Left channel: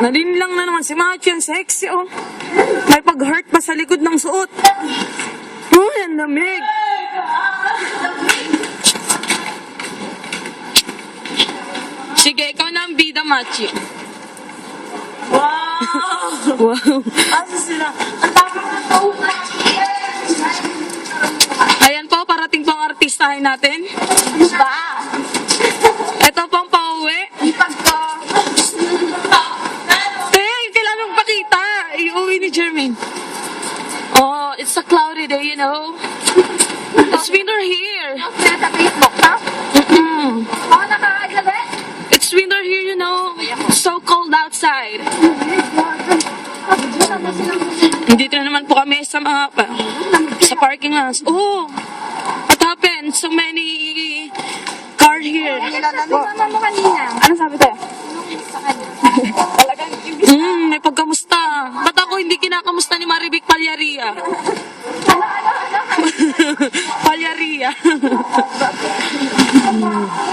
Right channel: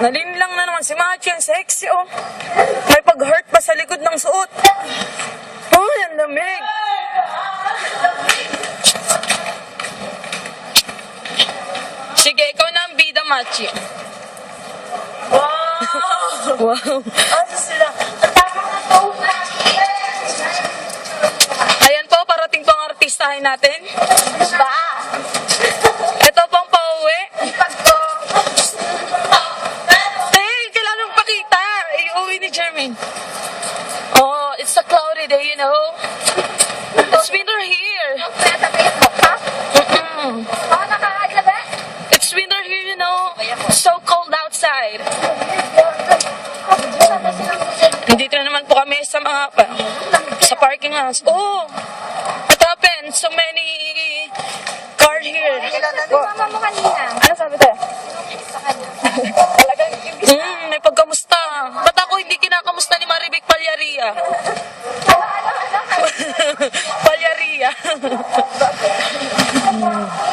Nalinlang na naman si Machi, ang sexy oh. May pag-hurt pa sa likod ng suot. Oh, ang lamig. Sige, ikaw na ang bida, Machi. Wow! Wow. Asa sila? Ang tama na to. Ayan po, parating po ang artistahin natin. Ano ba? Iuwi ni Jermaine. Oh, it's a cloudy day, you know. It's winter here. Mm-mm. Nakakagabi. It's winter here, you know. So cold outside. Nandito na naman po kami sa mga pa- sa parking lots. Oh, what happened? So many car here. Ano sabi tayo? hindi kinakamusta ni Marivic Palyaria? Palyaria.